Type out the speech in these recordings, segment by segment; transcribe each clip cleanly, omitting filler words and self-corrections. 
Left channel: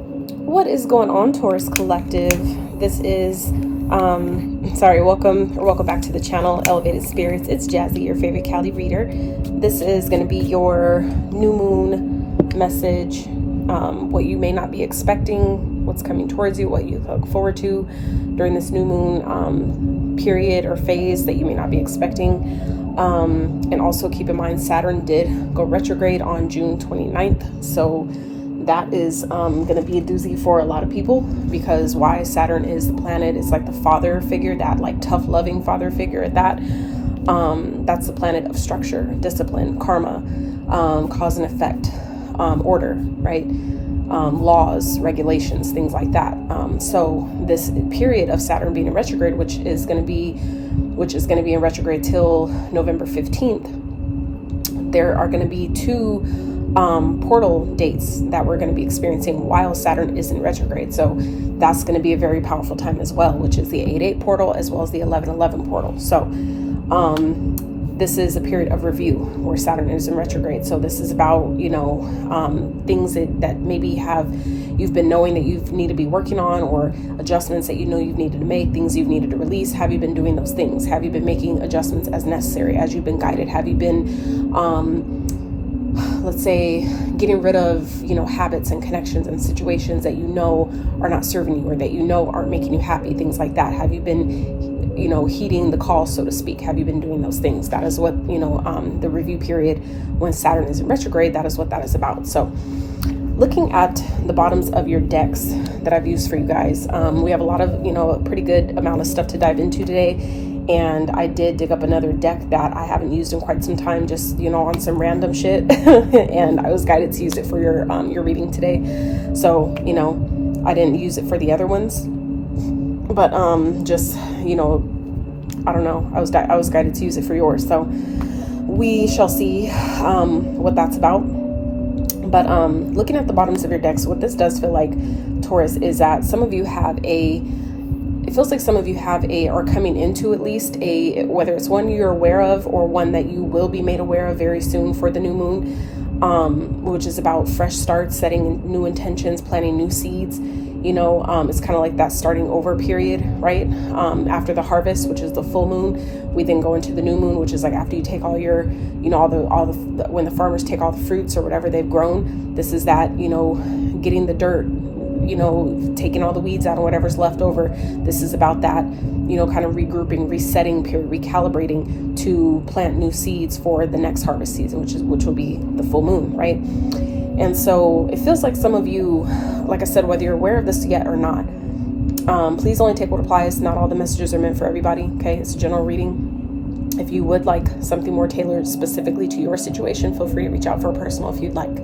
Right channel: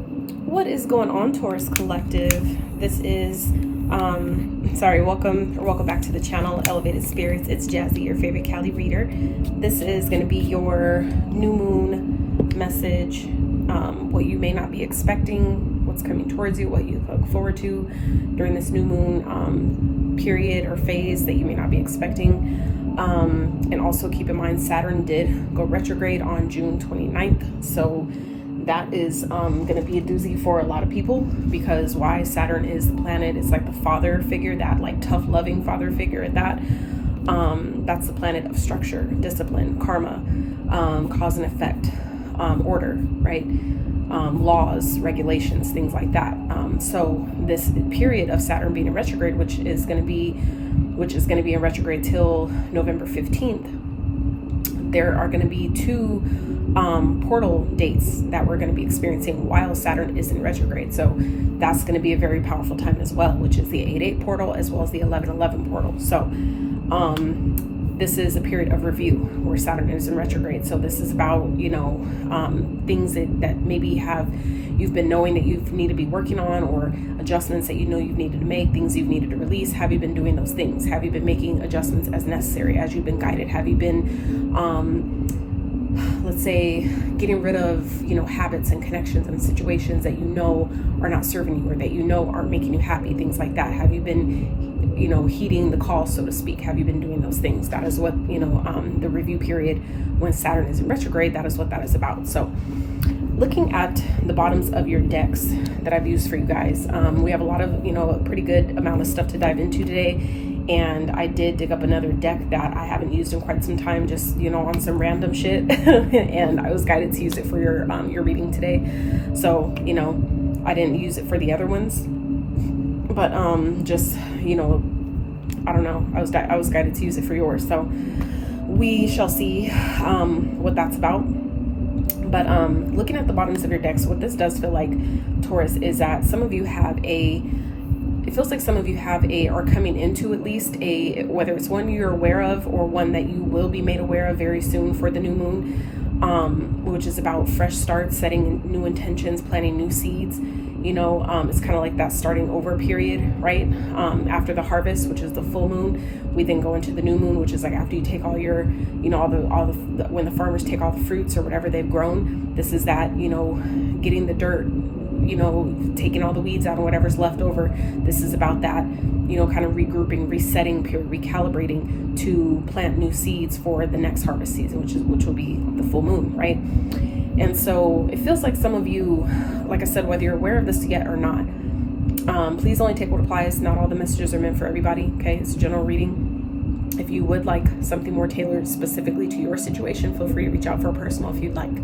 What is going on, Taurus Collective? This is, welcome back to the channel, Elevated Spirits. It's Jazi, your favorite Cali reader. This is going to be your new moon message, what you may not be expecting, what's coming towards you, what you look forward to during this new moon period or phase that you may not be expecting. And also keep in mind, Saturn did go retrograde on June 29th. So that is going to be a doozy for a lot of people, because why? Saturn is the planet. It's like the father figure, that like tough, loving father figure at that. That's the planet of structure, discipline, karma, cause and effect, order, right? Laws, regulations, things like that. So this period of Saturn being in retrograde, which is going to be in retrograde till November 15th, there are going to be two portal dates that we're going to be experiencing while Saturn is in retrograde. So that's going to be a very powerful time as well, which is the 8/8 portal as well as the 11/11 portal. So this is a period of review where Saturn is in retrograde. So this is about, things that maybe you've been knowing that you need to be working on, or adjustments that you know you've needed to make, things you've needed to release. Have you been doing those things? Have you been making adjustments as necessary, as you've been guided? Have you been let's say getting rid of habits and connections and situations that are not serving you, or that aren't making you happy, things like that? Have you been heeding the call, so to speak? Have you been doing those things? That is what the review period when Saturn is in retrograde, that is what that is about. So looking at the bottoms of your decks that I've used for you guys, we have a lot of a pretty good amount of stuff to dive into today. And I did dig up another deck that I haven't used in quite some time, just, on some random shit. And I was guided to use it for your reading today. So, I didn't use it for the other ones. But just, I don't know. I was guided to use it for yours. So we shall see what that's about. But looking at the bottoms of your decks, what this does feel like, Taurus, is that some of you it feels like some of you are coming into at least whether it's one you're aware of or one that you will be made aware of very soon for the new moon, which is about fresh starts, setting new intentions, planting new seeds. It's kind of like that starting over period, right? After the harvest, which is the full moon, we then go into the new moon, which is like after you take all your, when the farmers take all the fruits or whatever they've grown. This is that, getting the dirt, taking all the weeds out and whatever's left over. This is about that, kind of regrouping, resetting period, recalibrating to plant new seeds for the next harvest season, which will be the full moon, right? And so it feels like some of you, like I said, whether you're aware of this yet or not, please only take what applies. Not all the messages are meant for everybody, okay? It's a general reading. If you would like something more tailored specifically to your situation, feel free to reach out for a personal if you'd like.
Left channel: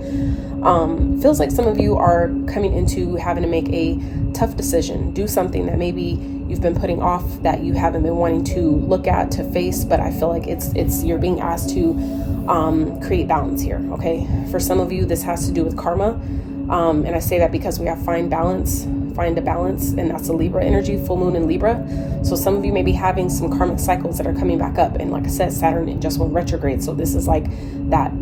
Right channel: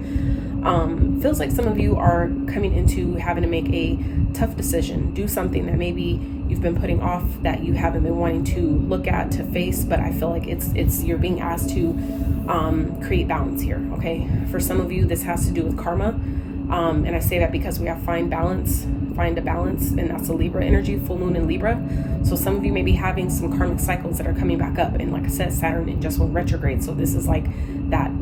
Feels like some of you are coming into having to make a tough decision, do something that maybe you've been putting off, that you haven't been wanting to look at, to face, but I feel like you're being asked to create balance here, okay? For some of you, this has to do with karma, and I say that because we have find a balance, and that's a Libra energy, full moon in Libra. So some of you may be having some karmic cycles that are coming back up, and like I said, Saturn just went retrograde, so this is like that,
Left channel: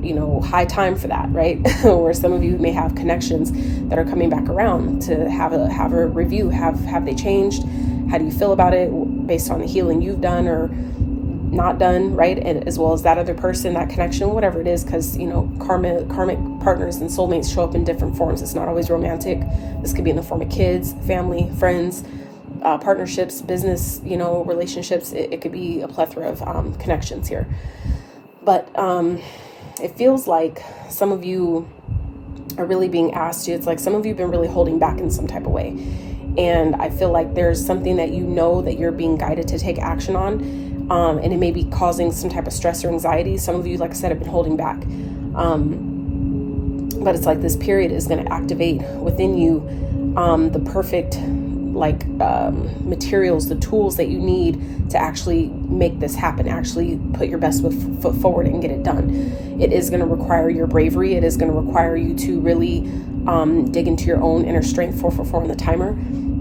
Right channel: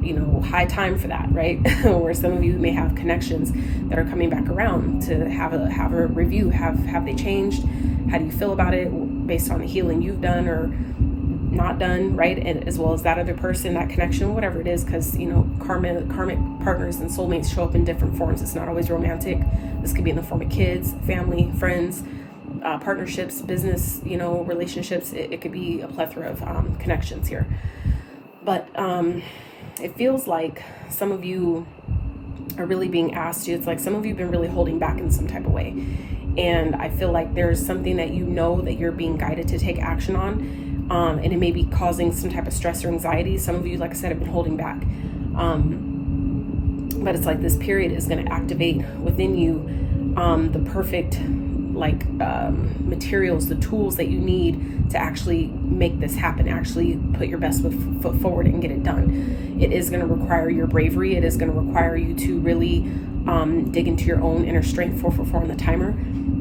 high time for that, right? Where some of you may have connections that are coming back around to have a review. Have they changed? How do you feel about it based on the healing you've done or not done, right? And as well as that other person, that connection, whatever it is, because karmic partners and soulmates show up in different forms. It's not always romantic. This could be in the form of kids, family, friends, partnerships, business, relationships. It could be a plethora of connections here. But it feels like some of you are really being asked to. It's like some of you have been really holding back in some type of way. And I feel like there's something that that you're being guided to take action on. And it may be causing some type of stress or anxiety. Some of you, like I said, have been holding back. But it's like this period is going to activate within you the perfect materials, the tools that you need to actually make this happen, actually put your best foot forward and get it done. It is going to require your bravery. It is going to require you to really dig into your own inner strength. 444 on the timer.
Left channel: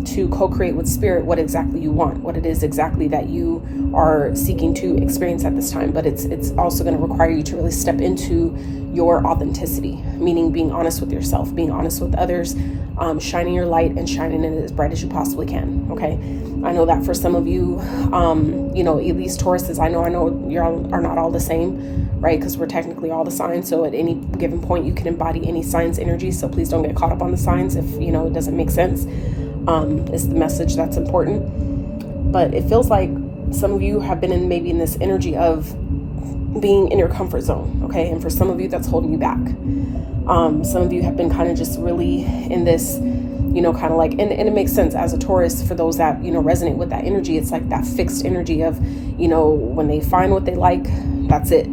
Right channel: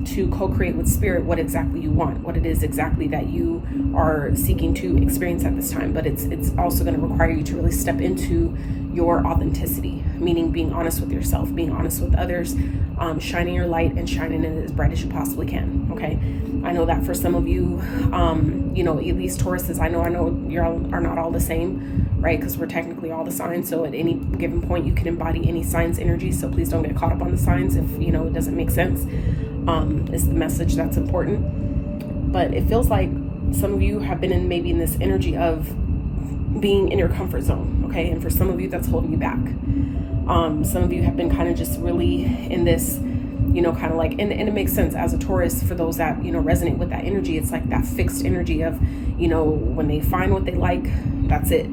to co-create with spirit what exactly you want, what it is exactly that you are seeking to experience at this time. But it's also going to require you to really step into your authenticity, meaning being honest with yourself, being honest with others, shining your light and shining it as bright as you possibly can. Okay. I know that for some of you, you know, at least Tauruses, I know you all are not all the same, right? Because we're technically all the signs. So at any given point, you can embody any sign's energy. So please don't get caught up on the signs if, you know, it doesn't make sense. Is the message that's important. But it feels like some of you have been maybe in this energy of being in your comfort zone. Okay. And for some of you, that's holding you back. Some of you have been kind of just really in this, you know, kind of like, and it makes sense as a Taurus, for those that, you know, resonate with that energy. It's like that fixed energy of, you know, when they find what they like, that's it.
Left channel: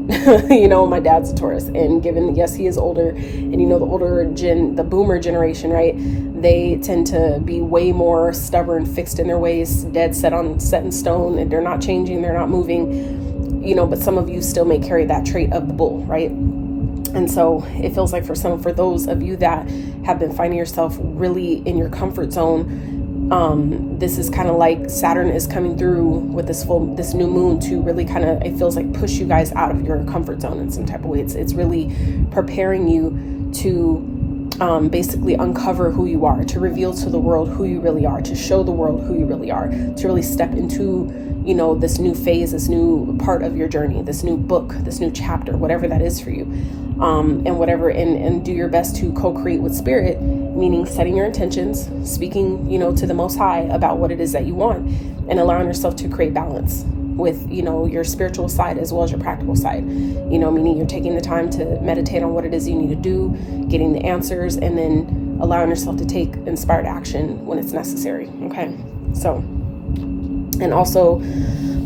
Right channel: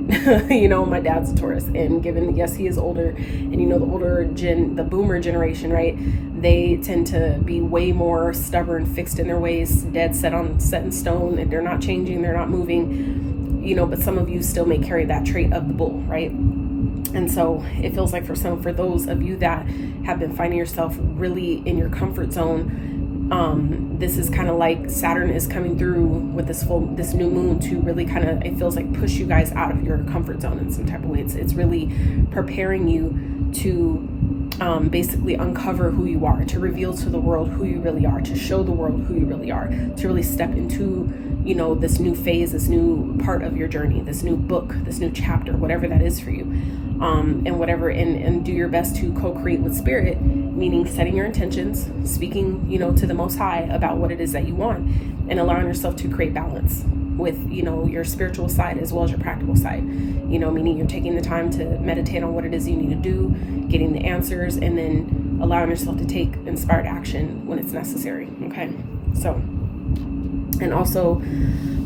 You know, my dad's a Taurus, and given, yes, he is older, and you know, the boomer generation, right? They tend to be way more stubborn, fixed in their ways, set in stone, and they're not changing, they're not moving, you know, but some of you still may carry that trait of the bull, right? And so it feels like for those of you that have been finding yourself really in your comfort zone, this is kind of like Saturn is coming through with this new moon to really kind of, it feels like, push you guys out of your comfort zone in some type of way. It's really preparing you to basically uncover who you are, to reveal to the world who you really are, to show the world who you really are, to really step into, you know, this new phase, this new part of your journey, this new book, this new chapter, whatever that is for you. And do your best to co-create with spirit, meaning setting your intentions, speaking, you know, to the Most High about what it is that you want, and allowing yourself to create balance with, you know, your spiritual side as well as your practical side, you know, meaning you're taking the time to meditate on what it is you need to do, getting the answers, and then allowing yourself to take inspired action when it's necessary. Okay. So, and also,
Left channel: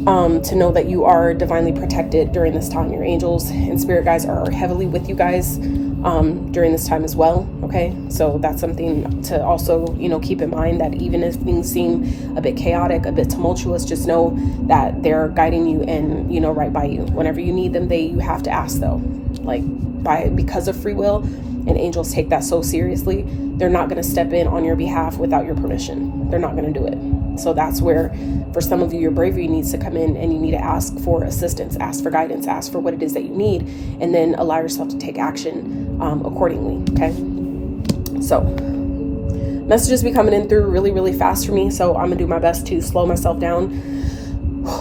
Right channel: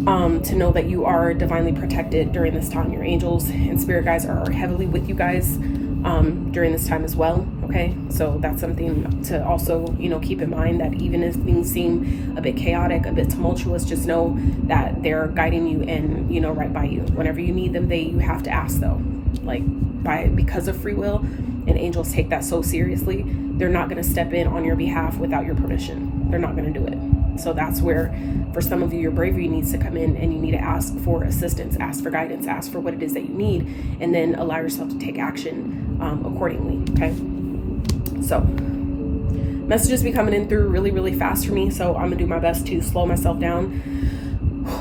to know that you are divinely protected during this time. Your angels and spirit guides are heavily with you guys during this time as well. Okay, so that's something to also, you know, keep in mind, that even if things seem a bit chaotic, a bit tumultuous, just know that they're guiding you and, you know, right by you. Whenever you need them, you have to ask though, like because of free will, and angels take that so seriously. They're not going to step in on your behalf without your permission. They're not going to do it. So that's where, for some of you, your bravery needs to come in, and you need to ask for assistance, ask for guidance, ask for what it is that you need, and then allow yourself to take action accordingly. Okay. So messages be coming in through really, really fast for me. So I'm gonna do my best to slow myself down.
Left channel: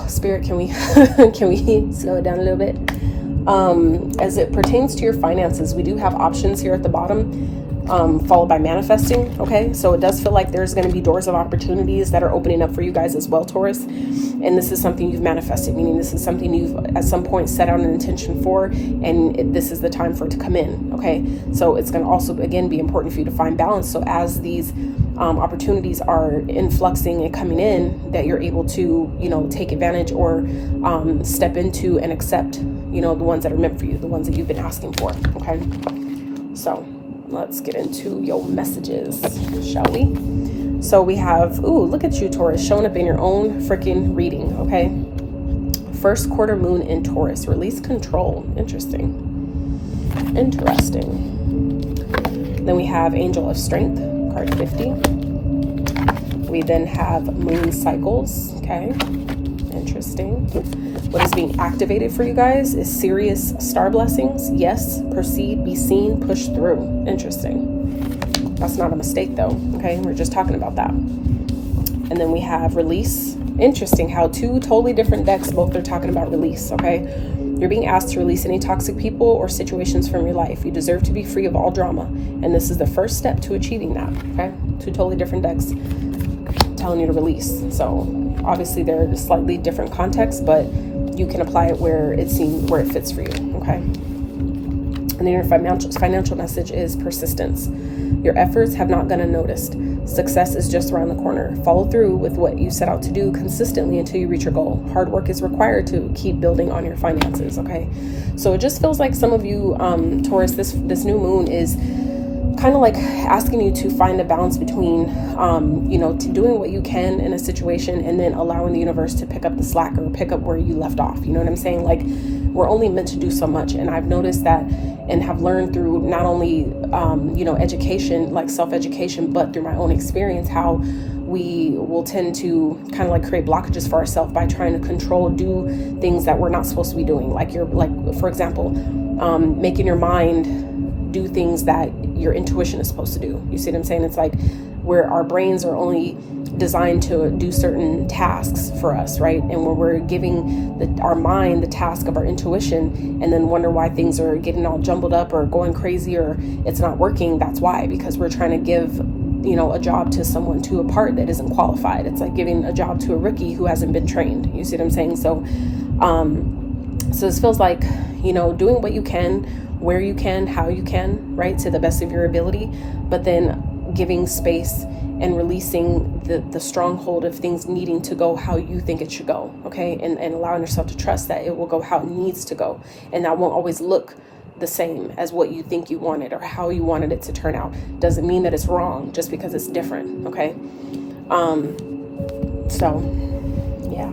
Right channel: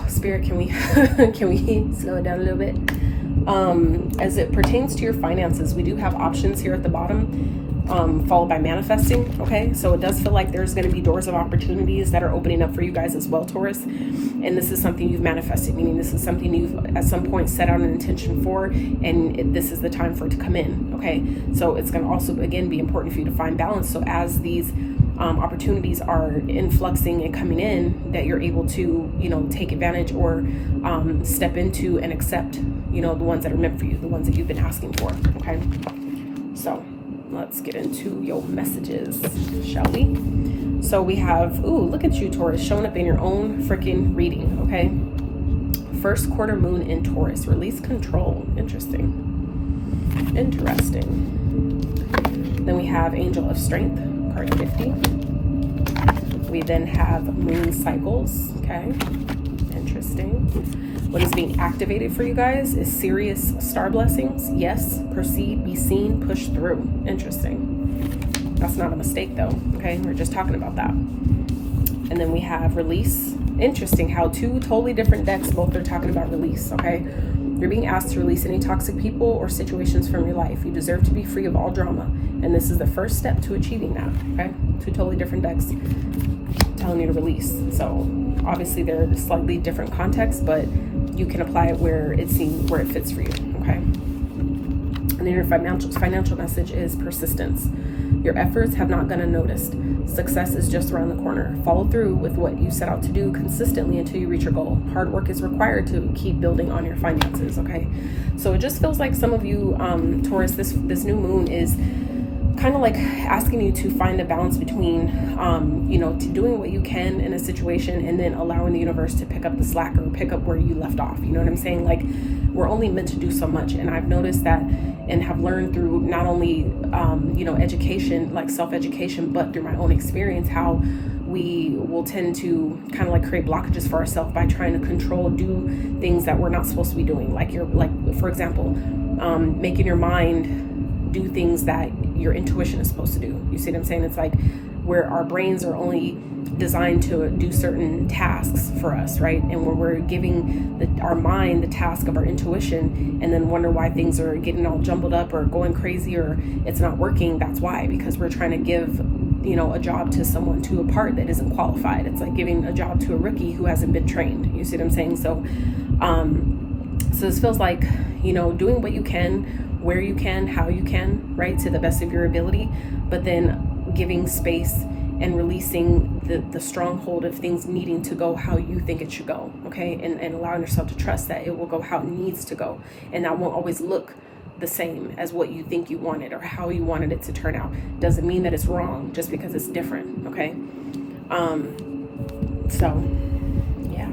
Spirit, can we slow it down a little bit? As it pertains to your finances, we do have options here at the bottom. Followed by manifesting. Okay, so it does feel like there's going to be doors of opportunities that are opening up for you guys as well, Taurus. And this is something you've manifested, meaning this is something you've at some point set out an intention for, and this is the time for it to come in. Okay, so it's going to also again be important for you to find balance. So as these opportunities are influxing and coming in, that you're able to, you know, take advantage or step into and accept, you know, the ones that are meant for you, the ones that you've been asking for. Okay, so let's get into your messages, shall we? So we have, look at you, Taurus, showing up in your own freaking reading, okay? First quarter moon in Taurus, release control. Interesting. Then we have Angel of Strength, card 50. We then have moon cycles, okay? Interesting. What is being activated for you guys is serious star blessings. Yes, proceed, be seen, push through. Interesting. That's not a mistake though. Okay, we're just talking about that. And then we have release. Interesting how two totally different decks both are talking about release. Okay, you're being asked to release any toxic people or situations from your life. You deserve to be free of all drama, and this is the first step to achieving that. Okay, two totally different decks telling you to release. So obviously they're slightly different contexts, but you can apply it where it fits for you. Okay. And then your financial message is persistence. Your efforts have not gone unnoticed. Success is just around the corner. Follow through with what you set out to do consistently until you reach your goal. Hard work is required to keep building on your finances. Okay. So it just feels like some of you, Taurus, this new moon is kind of like asking you to find a balance between, to doing what you can in a situation and then allowing the universe to pick up the slack or pick up where you left off. You know what I'm saying? Like, we're only meant to do so much. And I've noticed that and have learned through not only, education, like self-education, but through my own experience, how we will tend to kind of like create blockages for ourselves by trying to control, do things that we're not supposed to be doing. Like for example, making your mind do things that your intuition is supposed to do. You see what I'm saying? It's like where our brains are only designed to do certain tasks for us, right? And when we're giving our mind the task of our intuition and then wonder why things are getting all jumbled up or going crazy or it's not working, that's why, because we're trying to give, you know, a job to someone, to a part that isn't qualified. It's like giving a job to a rookie who hasn't been trained. You see what I'm saying? So this feels like, you know, doing what you can, where you can, how you can, right, to the best of your ability, but then giving space and releasing the stronghold of things needing to go how you think it should go, okay? And allowing yourself to trust that it will go how it needs to go. And that won't always look the same as what you think you wanted or how you wanted it to turn out. Doesn't mean that it's wrong just because it's different, okay? So, yeah.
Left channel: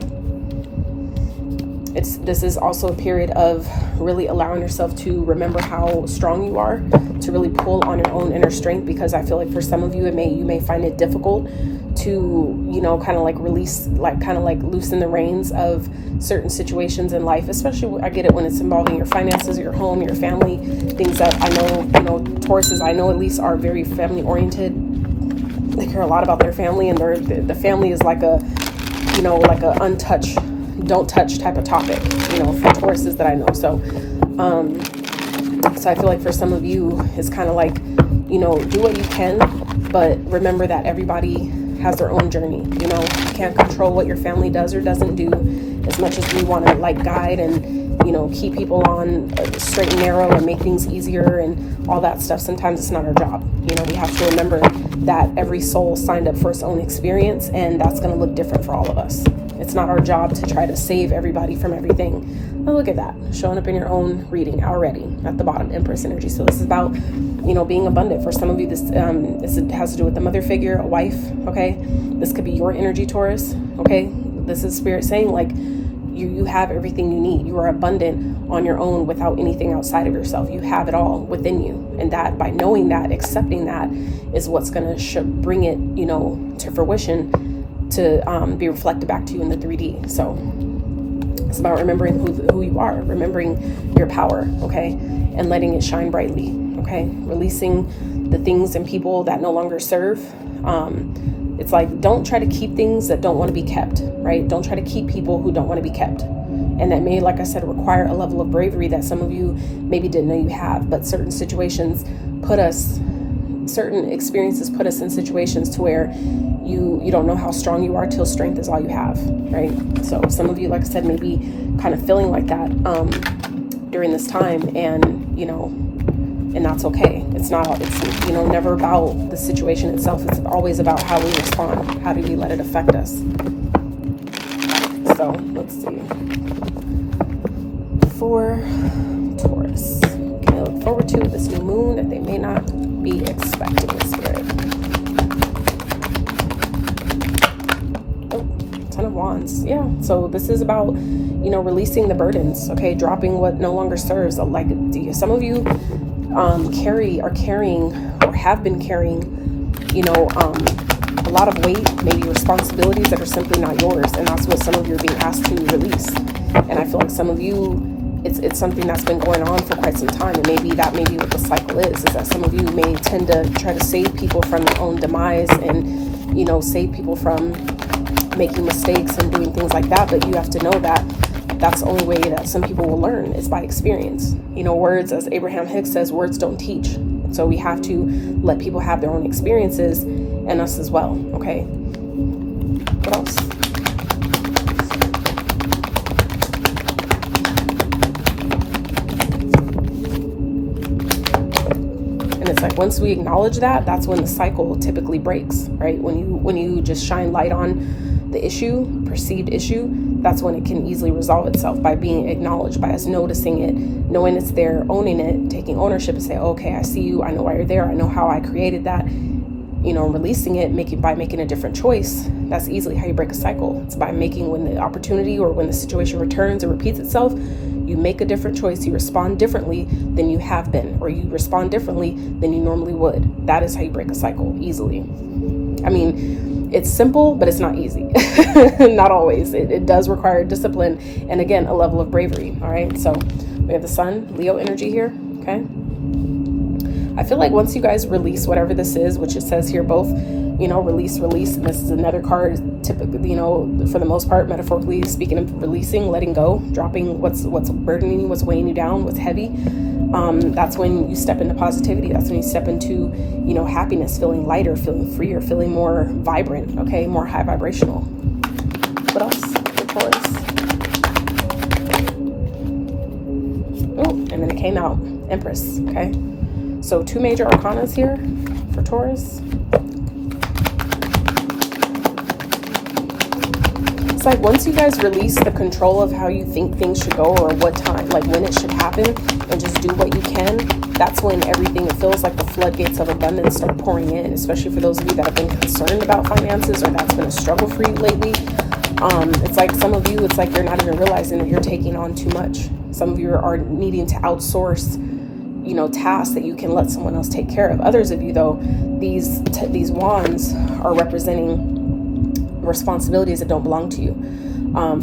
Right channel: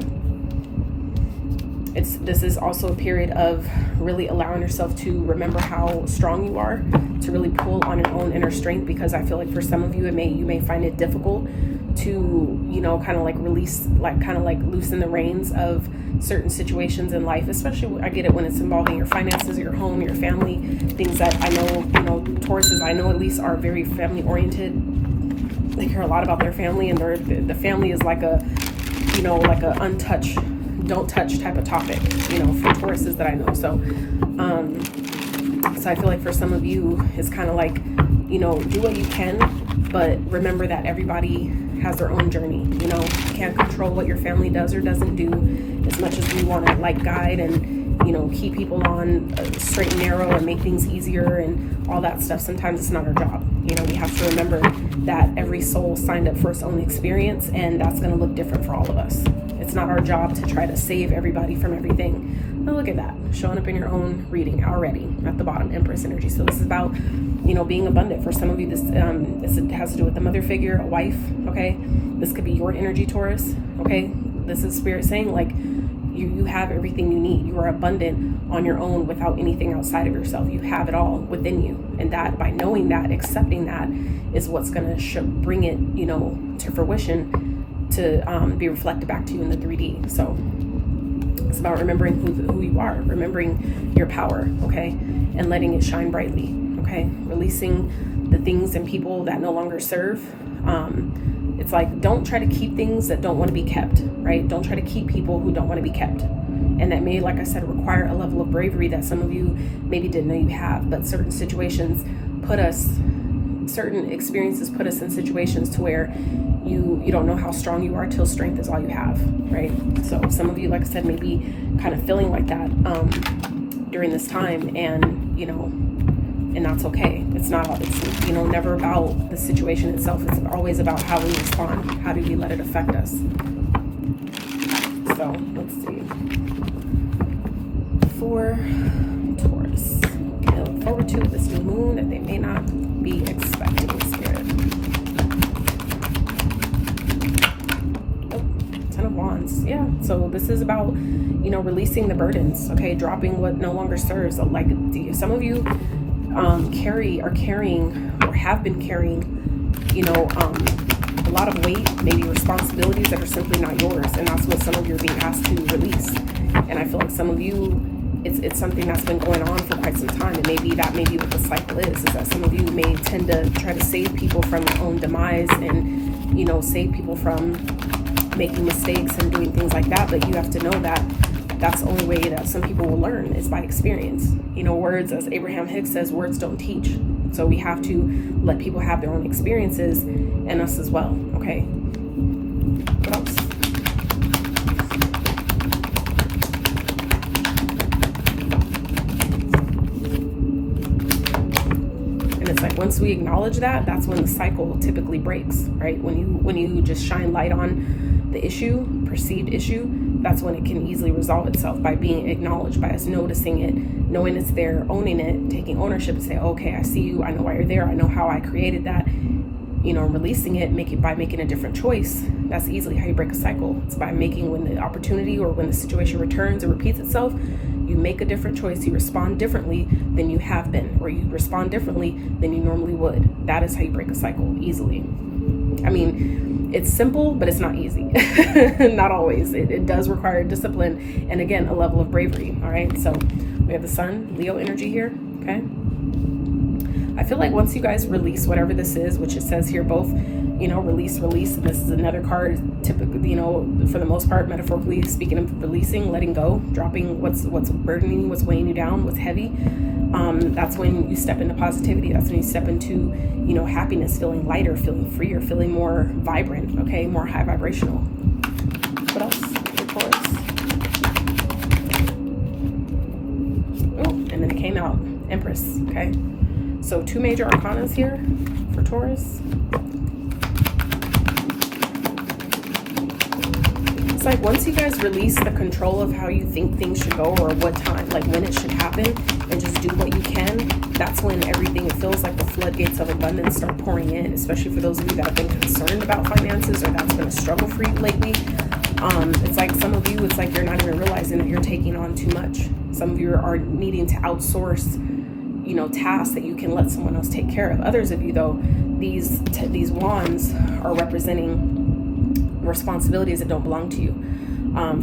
This is also a period of really allowing yourself to remember how strong you are, to really pull on your own inner strength, because I feel like for some of you, you may find it difficult to, you know, kind of like release, like kind of like loosen the reins of certain situations in life, especially I get it when it's involving your finances, your home, your family, things that I know, you know, Tauruses I know at least are very family oriented. They care a lot about their family, and the family is like a, you know, like a untouched, don't touch type of topic, you know, for Tauruses that I know. So I feel like for some of you, it's kind of like, you know, do what you can, but remember that everybody has their own journey. You know, you can't control what your family does or doesn't do, as much as we want to like guide and, you know, keep people on straight and narrow and make things easier and all that stuff. Sometimes it's not our job. You know, we have to remember that every soul signed up for its own experience, and that's going to look different for all of us. It's not our job to try to save everybody from everything. But look at that, showing up in your own reading already at the bottom, Empress energy. So this is about, you know, being abundant. For some of you, this has to do with the mother figure, a wife, okay? This could be your energy, Taurus, okay? This is Spirit saying, like, you have everything you need. You are abundant on your own without anything outside of yourself. You have it all within you. And that, by knowing that, accepting that, is what's going to bring it, you know, to fruition, to be reflected back to you in the 3D. So it's about remembering who you are, remembering your power, okay, and letting it shine brightly, okay, releasing the things and people that no longer serve. It's like, don't try to keep things that don't want to be kept, right? Don't try to keep people who don't want to be kept. And that may, like I said, require a level of bravery that some of you maybe didn't know you have. But certain situations certain experiences put us in situations to where you don't know how strong you are till strength is all you have, right? So some of you, like I said, may be kind of feeling like that during this time, and, you know, and that's okay. It's, you know, never about the situation itself. It's always about how we respond. How do we let it affect us? So let's see. For Taurus, they look forward to this new moon that they may not be expecting, Spirit. Oh, Ten of Wands. Yeah. So this is about, you know, releasing the burdens. Okay, dropping what no longer serves. Like some of you are carrying or have been carrying, you know, a lot of weight, maybe responsibilities that are simply not yours, and that's what some of you are being asked to release. And I feel like some of you, it's something that's been going on for quite some time, and maybe what the cycle is that some of you may tend to try to save people from their own demise, and, you know, save people from making mistakes and doing things like that. But you have to know that that's the only way that some people will learn is by experience. You know, words, as Abraham Hicks says, words don't teach. So we have to let people have their own experiences, and us as well. Okay. What else? And it's like, once we acknowledge that, that's when the cycle typically breaks, right? When you just shine light on the issue, perceived issue, that's when it can easily resolve itself, by being acknowledged, by us noticing it, knowing it's there, owning it, taking ownership, and say, okay, I see you, I know why you're there, I know how I created that, you know, releasing it, by making a different choice. That's easily how you break a cycle. It's by making, when the opportunity or when the situation returns or repeats itself, you make a different choice. You respond differently than you have been, or you respond differently than you normally would. That is how you break a cycle easily. I mean, It's simple, but it's not easy. Not always. It does require discipline and, again, a level of bravery. All right. So we have the Sun, Leo energy here. Okay. I feel like once you guys release whatever this is, which it says here, both, you know, release, and this is another card, typically, you know, for the most part, metaphorically speaking of releasing, letting go, dropping what's burdening you, what's weighing you down, what's heavy. That's when you step into positivity. That's when you step into, you know, happiness, feeling lighter, feeling freer, feeling more vibrant, okay, more high vibrational. What else for Taurus? Oh, and then it came out, Empress, okay? So 2 major arcanas here for Taurus. It's like once you guys release the control of how you think things should go or what time, like when it should happen, and just do what you can, that's when everything, it feels like the floodgates of abundance start pouring in, especially for those of you that have been concerned about finances or that's been a struggle for you lately. It's like some of you, it's like you're not even realizing that you're taking on too much. Some of you are needing to outsource, you know, tasks that you can let someone else take care of. Others of you, though, these wands are representing responsibilities that don't belong to you.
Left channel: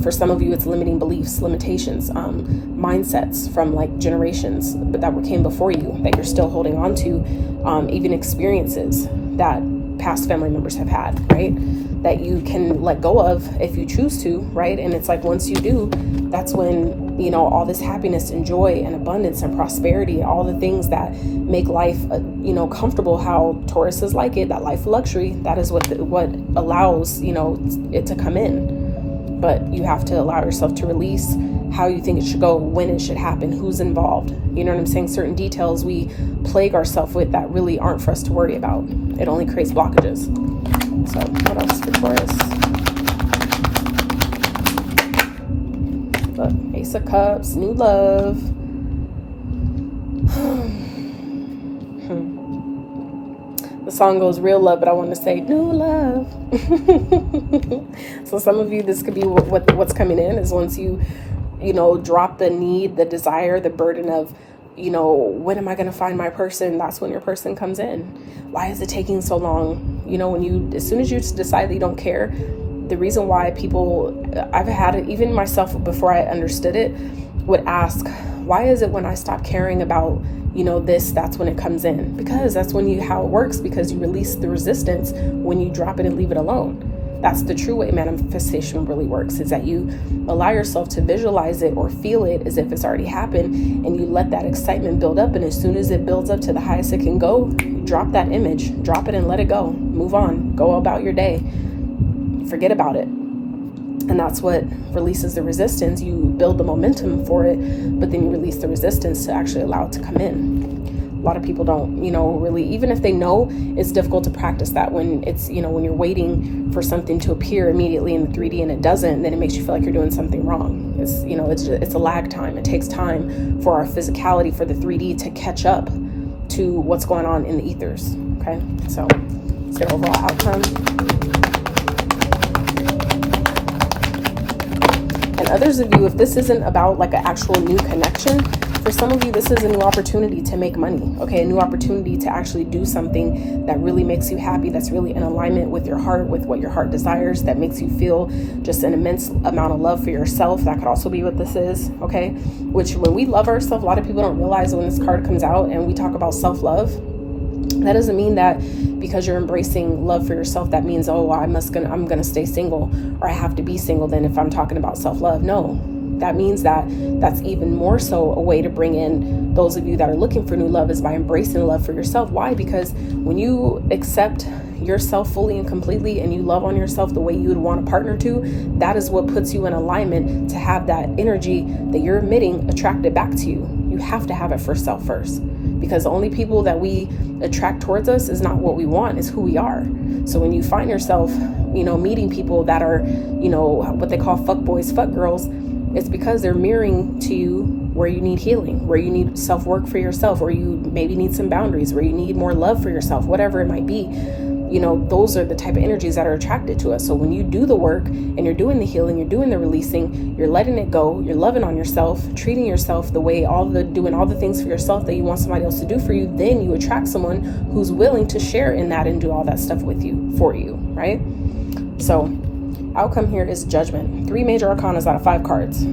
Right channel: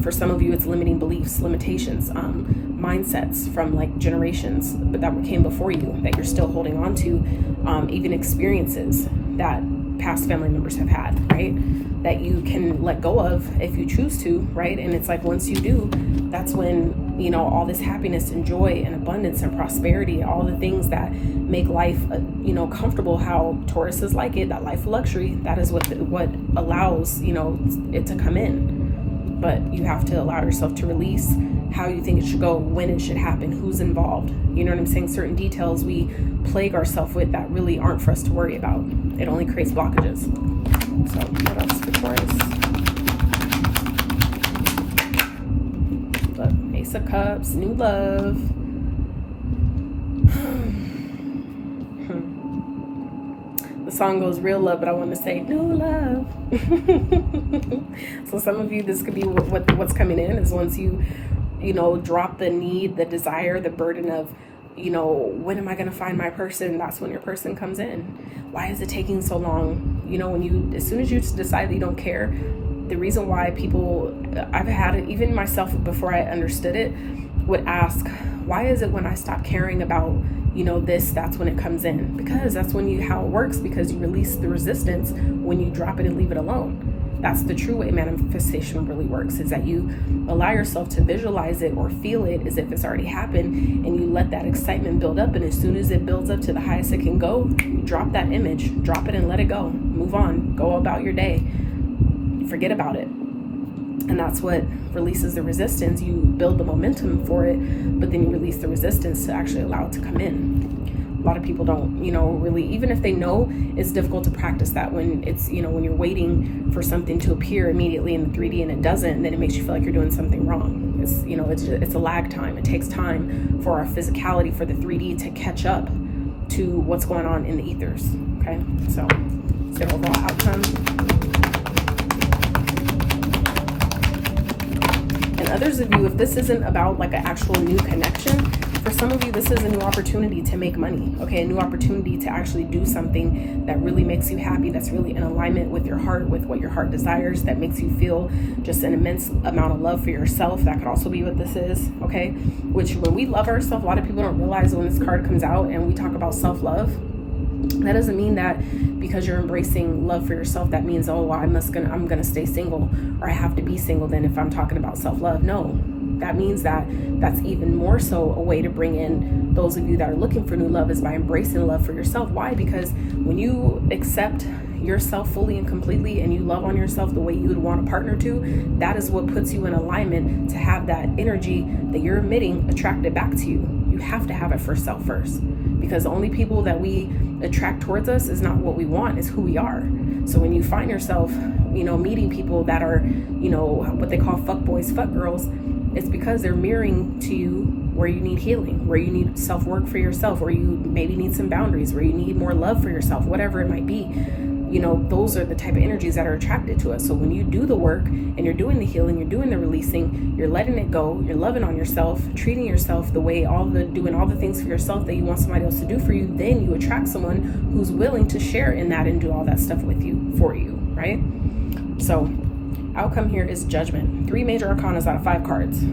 For some of you, it's limiting beliefs, limitations, mindsets from like generations that came before you that you're still holding on to, even experiences that past family members have had, right? That you can let go of if you choose to, right? And it's like once you do, that's when, you know, all this happiness and joy and abundance and prosperity, all the things that make life, you know, comfortable, how Taurus is like it, that life of luxury, that is what allows, you know, it to come in. But you have to allow yourself to release how you think it should go, when it should happen, who's involved. You know what I'm saying? Certain details we plague ourselves with that really aren't for us to worry about. It only creates blockages. So what else for Taurus? Look, Ace of Cups, new love. The song goes real love, but I want to say new love. So some of you, this could be what's coming in is once you know, drop the need, the desire, the burden of, you know, when am I going to find my person? That's when your person comes in. Why is it taking so long? You know, as soon as you decide that you don't care, the reason why people, I've had it, even myself before I understood it, would ask, why is it when I stop caring about, you know, that's when it comes in? Because that's how it works, because you release the resistance when you drop it and leave it alone. That's the true way manifestation really works, is that you allow yourself to visualize it or feel it as if it's already happened, and you let that excitement build up. And as soon as it builds up to the highest it can go, drop that image, drop it and let it go. Move on, go about your day, forget about it. And that's what releases the resistance. You build the momentum for it, but then you release the resistance to actually allow it to come in. A lot of people don't, you know, really, even if they know, it's difficult to practice that when it's, you know, when you're waiting for something to appear immediately in the 3D and it doesn't, then it makes you feel like you're doing something wrong. It's, you know, it's a lag time. It takes time for our physicality, for the 3D to catch up to what's going on in the ethers. Okay, so it's the overall outcome. And others of you, if this isn't about like an actual new connection, for some of you, this is a new opportunity to make money, okay? A new opportunity to actually do something that really makes you happy, that's really in alignment with your heart, with what your heart desires, that makes you feel just an immense amount of love for yourself. That could also be what this is, okay? Which, when we love ourselves, a lot of people don't realize when this card comes out and we talk about self-love, that doesn't mean that because you're embracing love for yourself, that means, oh, I'm gonna stay single, or I have to be single then if I'm talking about self-love. No. That means that's even more so a way to bring in those of you that are looking for new love, is by embracing love for yourself. Why? Because when you accept yourself fully and completely and you love on yourself the way you would want a partner to, that is what puts you in alignment to have that energy that you're emitting attracted back to you. You have to have it for self first, because the only people that we attract towards us is not what we want, is who we are. So when you find yourself, you know, meeting people that are, you know, what they call fuck boys, fuck girls, it's because they're mirroring to you where you need healing, where you need self-work for yourself, where you maybe need some boundaries, where you need more love for yourself, whatever it might be. You know, those are the type of energies that are attracted to us. So when you do the work and you're doing the healing, you're doing the releasing, you're letting it go, you're loving on yourself, treating yourself the way, doing all the things for yourself that you want somebody else to do for you, then you attract someone who's willing to share in that and do all that stuff with you, for you, right? So outcome here is judgment. 3 major arcana out of 5 cards.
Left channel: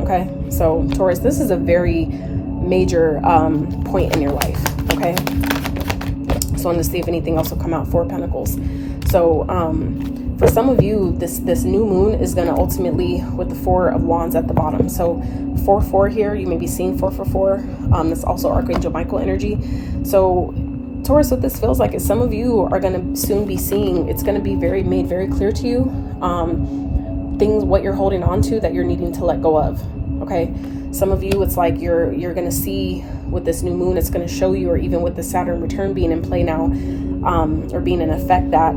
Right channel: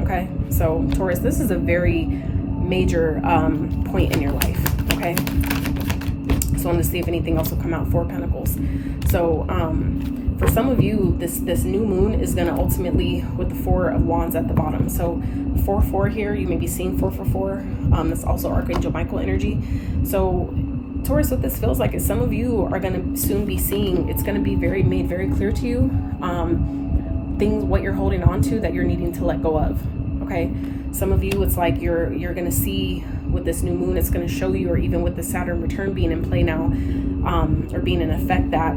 Okay, so Taurus, this is a very major point in your life. Okay, so I'm going to see if anything else will come out. 4 Pentacles. So for some of you, this new moon is going to ultimately, with the 4 of Wands at the bottom. So 4-4 here, you may be seeing 4-4-4. That's also Archangel Michael energy. So Taurus, what this feels like is some of you are going to soon be seeing, it's going to be made very clear to you, things, what you're holding on to that you're needing to let go of. Okay, some of you, it's like you're going to see with this new moon, it's going to show you, or even with the Saturn return being in play now, or being in effect, that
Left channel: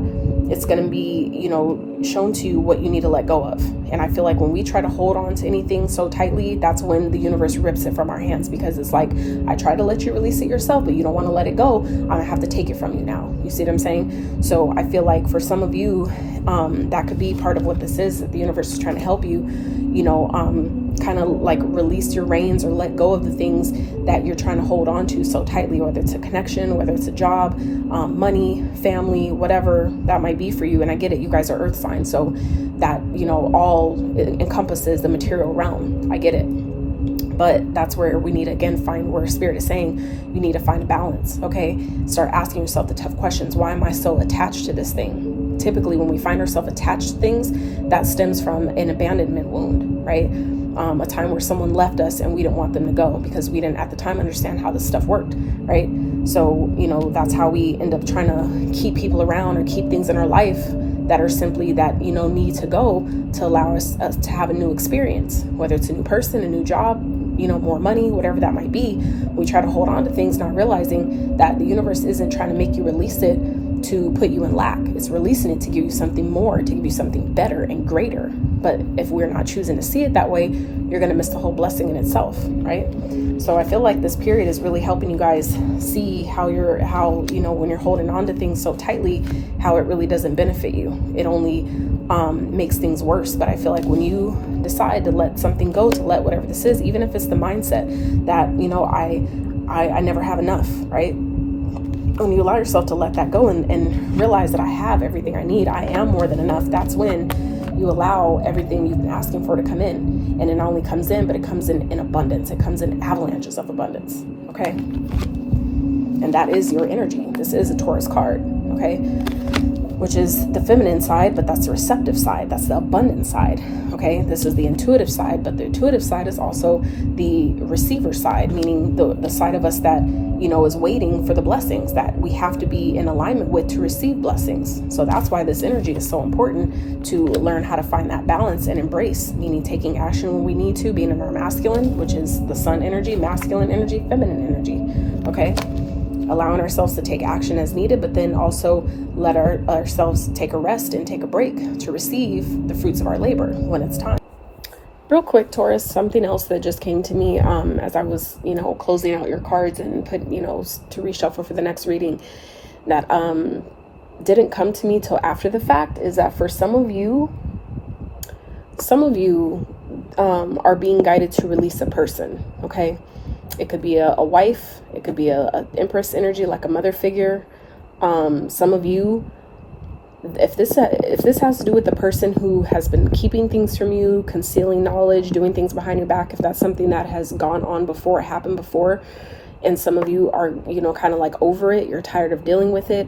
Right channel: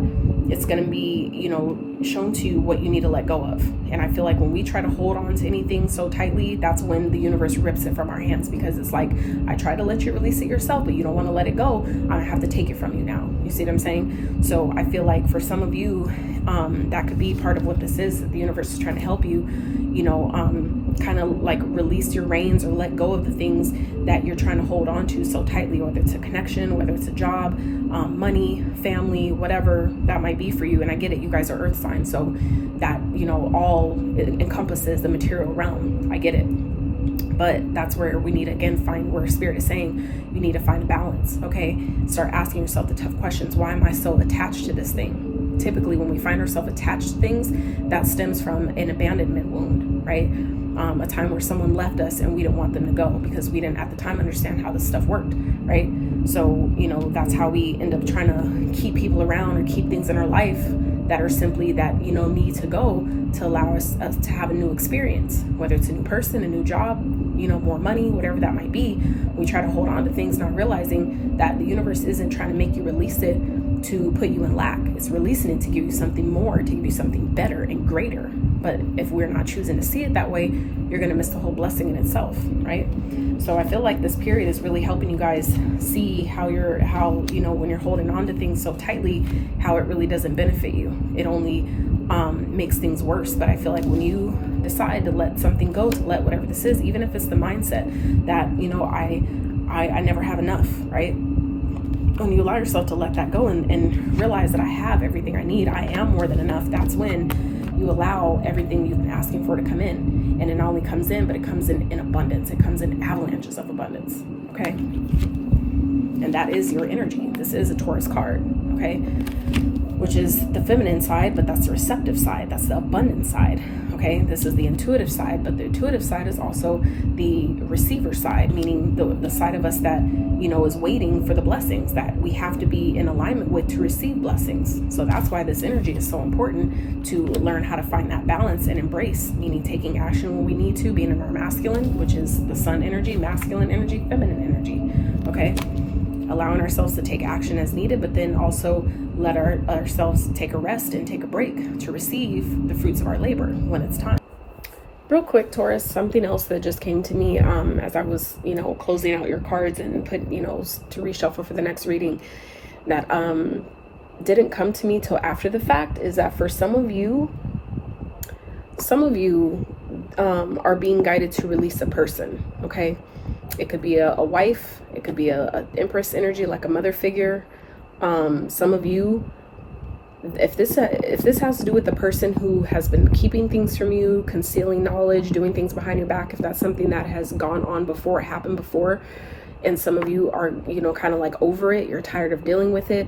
it's going to be, you know, shown to you what you need to let go of. And I feel like when we try to hold on to anything so tightly, that's when the universe rips it from our hands, because it's like, I try to let you release it yourself, but you don't want to let it go. I'm gonna have to take it from you now. You see what I'm saying? So I feel like for some of you, that could be part of what this is, that the universe is trying to help you, you know, kind of like release your reins or let go of the things that you're trying to hold on to so tightly, whether it's a connection, whether it's a job, money, family, whatever that might be for you. And I get it, you guys are earth signs, so that, you know, all encompasses the material realm. I get it. But that's where we need to, again, find where Spirit is saying you need to find balance. Okay, start asking yourself the tough questions. Why am I so attached to this thing? Typically when we find ourselves attached to things, that stems from an abandonment wound, right? A time where someone left us and we didn't want them to go because we didn't at the time understand how this stuff worked, right? So, you know, that's how we end up trying to keep people around or keep things in our life that are simply that, you know, need to go to allow us to have a new experience, whether it's a new person, a new job, you know, more money, whatever that might be. We try to hold on to things, not realizing that the universe isn't trying to make you release it to put you in lack. It's releasing it to give you something more, to give you something better and greater. But if we're not choosing to see it that way, you're going to miss the whole blessing in itself, right? So I feel like this period is really helping you guys see how you know, when you're holding on to things so tightly, how it really doesn't benefit you. It only makes things worse. But I feel like when you decide to let something go, to let whatever this is, even if it's the mindset that, you know, I never have enough, right? When you allow yourself to let that go and realize that I have everything I need, I am more than enough, that's when you allow everything you've been asking for to come in. And it not only comes in, but it comes in abundance. It comes in avalanches of abundance, okay? And that is your energy. This is a Taurus card, okay? Which is the feminine side, but that's the receptive side. That's the abundant side, okay? This is the intuitive side, but the intuitive side is also the receiver side, meaning the side of us that, you know, is waiting for the blessings that we have to be in alignment with to receive blessings. So that's why this energy is so important, to learn how to find that balance and embrace, meaning taking action when we need to, being in our masculine, which is the sun energy, masculine energy, feminine energy, okay? Allowing ourselves to take action as needed, but then also let ourselves take a rest and take a break to receive the fruits of our labor when it's time. Real quick, Taurus, something else that just came to me as I was, you know, closing out your cards and put, you know, to reshuffle for the next reading, that didn't come to me till after the fact, is that for some of you are being guided to release a person, okay? It could be a wife, it could be a Empress energy, like a mother figure. Some of you, if this has to do with the person who has been keeping things from you, concealing knowledge, doing things behind your back, if that's something that has gone on before, it happened before, and some of you are, you know, kind of like over it, you're tired of dealing with it.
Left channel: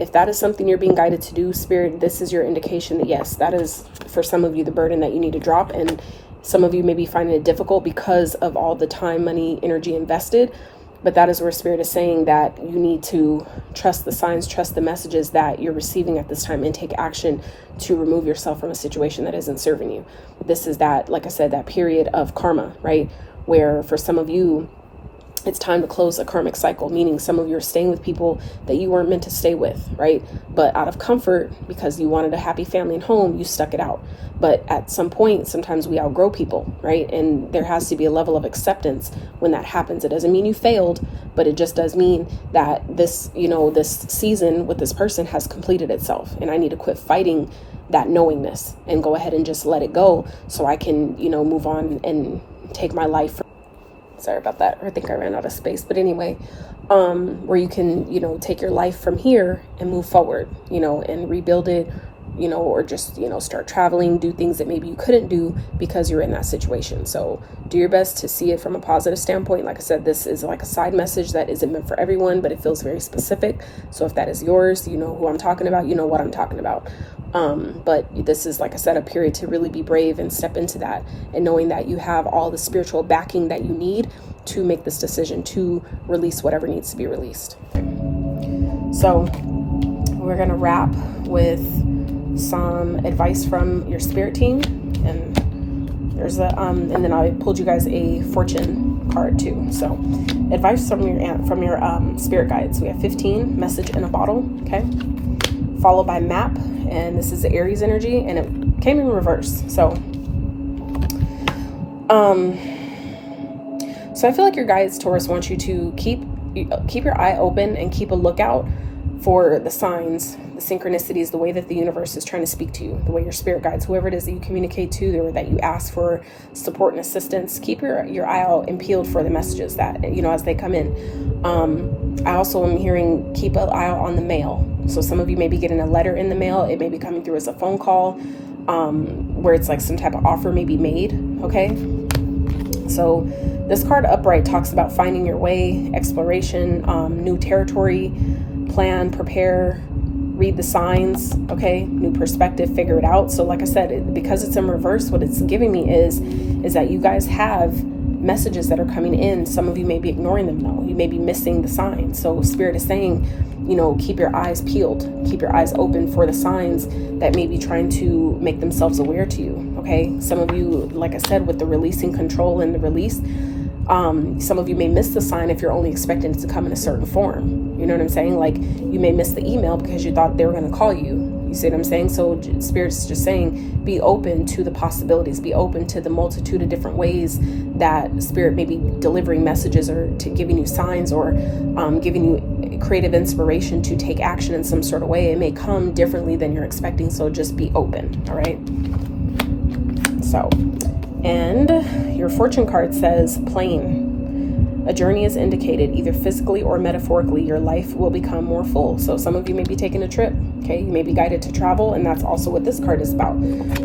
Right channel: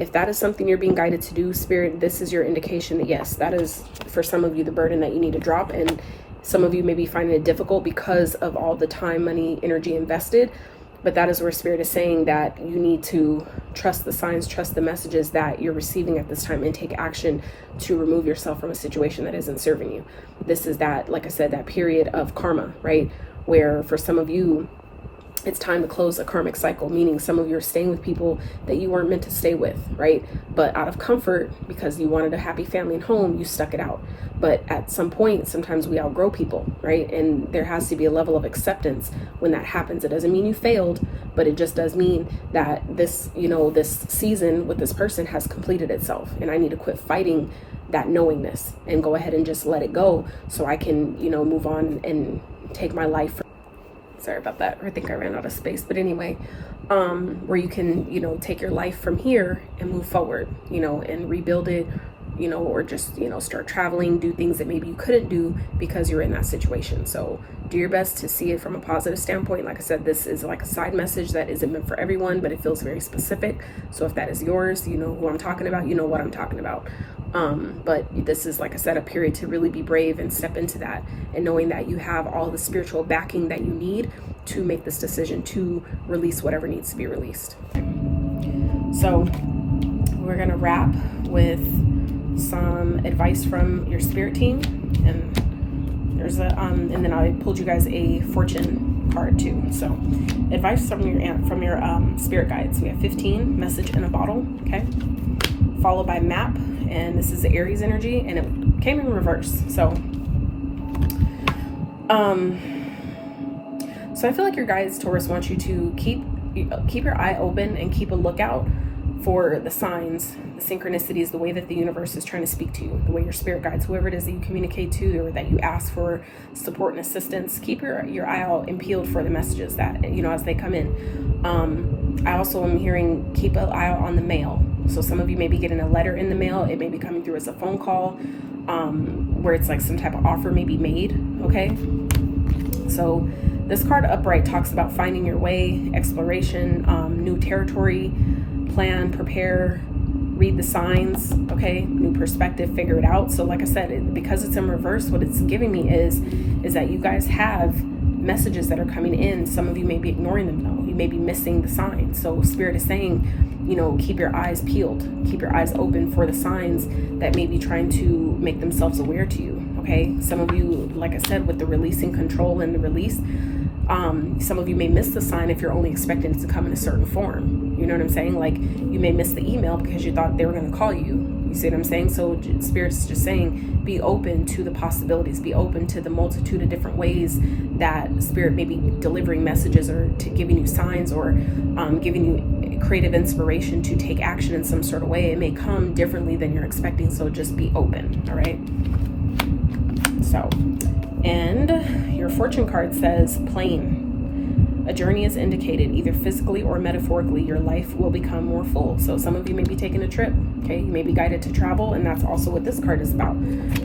If that is something you're being guided to do, Spirit, this is your indication that yes, that is for some of you the burden that you need to drop. And some of you may be finding it difficult because of all the time, money, energy invested. But that is where Spirit is saying that you need to trust the signs, trust the messages that you're receiving at this time, and take action to remove yourself from a situation that isn't serving you. This is that, like I said, that period of karma, right? Where for some of you, it's time to close a karmic cycle, meaning some of you are staying with people that you weren't meant to stay with, right? But out of comfort, because you wanted a happy family and home, you stuck it out. But at some point, sometimes we outgrow people, right? And there has to be a level of acceptance when that happens. It doesn't mean you failed, but it just does mean that this, you know, this season with this person has completed itself. And I need to quit fighting that knowingness and go ahead and just let it go so I can, you know, move on and take my life. Sorry about that. I think I ran out of space. But anyway, where you can, you know, take your life from here and move forward, you know, and rebuild it, you know, or just, you know, start traveling, do things that maybe you couldn't do because you're in that situation. So do your best to see it from a positive standpoint. Like I said, this is like a side message that isn't meant for everyone, but it feels very specific. So if that is yours, you know who I'm talking about, you know what I'm talking about. But this is, like I said, a period to really be brave and step into that, and knowing that you have all the spiritual backing that you need to make this decision to release whatever needs to be released. So we're going to wrap with some advice from your spirit team, and there's a and then I pulled you guys a fortune card too. So advice from your spirit guides. We have 15, message in a bottle, okay, followed by map, and this is the Aries energy, and it came in reverse. So I feel like your guides, Taurus, want you to keep your eye open and keep a lookout for the signs, the synchronicities, the way that the universe is trying to speak to you, the way your spirit guides, whoever it is that you communicate to or that you ask for support and assistance, keep your eye out and peeled for the messages that, you know, as they come in. I also am hearing keep an eye out on the mail. So some of you may be getting a letter in the mail. It may be coming through as a phone call, where it's like some type of offer may be made. Okay. So this card upright talks about finding your way, exploration, new territory, plan, prepare, read the signs, okay, new perspective, figure it out. So like I said, because it's in reverse, what it's giving me is that you guys have messages that are coming in. Some of you may be ignoring them though. You may be missing the signs. So Spirit is saying, you know, keep your eyes peeled, keep your eyes open for the signs that may be trying to make themselves aware to you, okay? Some of you, like I said, with the releasing control and the release, some of you may miss the sign if you're only expecting it to come in a certain form. You know what I'm saying? Like you may miss the email because you thought they were going to call you. You see what I'm saying? So Spirit's just saying, be open to the possibilities, be open to the multitude of different ways that Spirit may be delivering messages or to giving you signs or giving you creative inspiration to take action in some sort of way. It may come differently than you're expecting. So just be open. All right. So, and your fortune card says plain. A journey is indicated, either physically or metaphorically. Your life will become more full. So some of you may be taking a trip, okay? You may be guided to travel, and that's also what this card is about,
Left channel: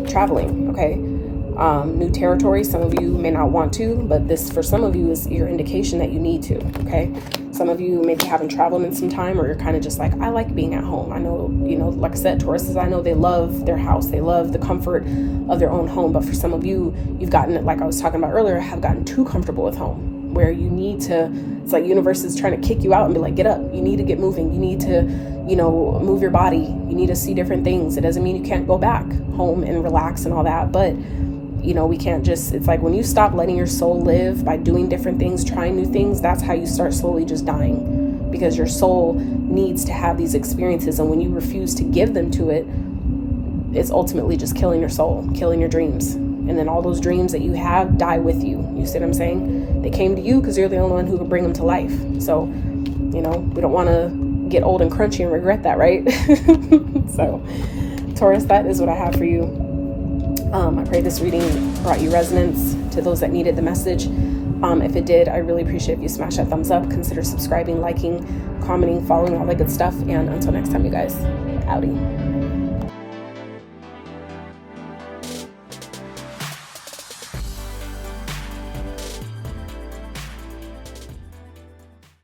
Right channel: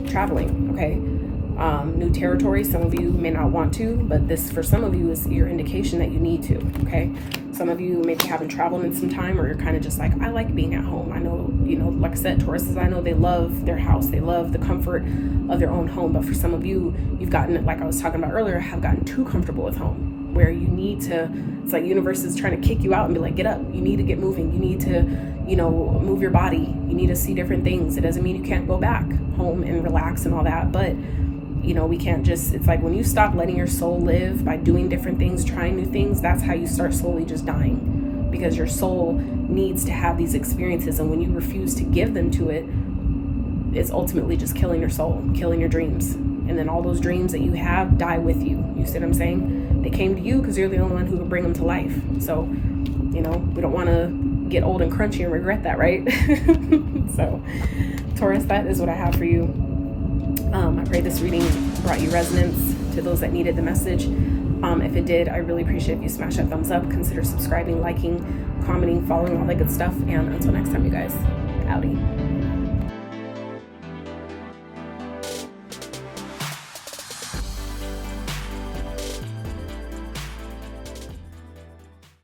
traveling, okay? New territory. Some of you may not want to, but this, for some of you, is your indication that you need to, okay? Some of you maybe haven't traveled in some time, or you're kind of just like, I like being at home. I know, you know, like I said, Tauruses, I know they love their house. They love the comfort of their own home. But for some of you, you've gotten, like I was talking about earlier, have gotten too comfortable with home, where you need to, it's like universe is trying to kick you out and be like, get up. You need to get moving. You need to, you know, move your body. You need to see different things. It doesn't mean you can't go back home and relax and all that. But, you know, we can't just, it's like when you stop letting your soul live by doing different things, trying new things, that's how you start slowly just dying, because your soul needs to have these experiences. And when you refuse to give them to it, it's ultimately just killing your soul, killing your dreams. And then all those dreams that you have die with you. You see what I'm saying? They came to you because you're the only one who could bring them to life. So, you know, we don't want to get old and crunchy and regret that, right? So, Taurus, that is what I have for you. I pray this reading brought you resonance to those that needed the message. If it did, I really appreciate if you smash that thumbs up. Consider subscribing, liking, commenting, following, all that good stuff. And until next time, you guys, outie.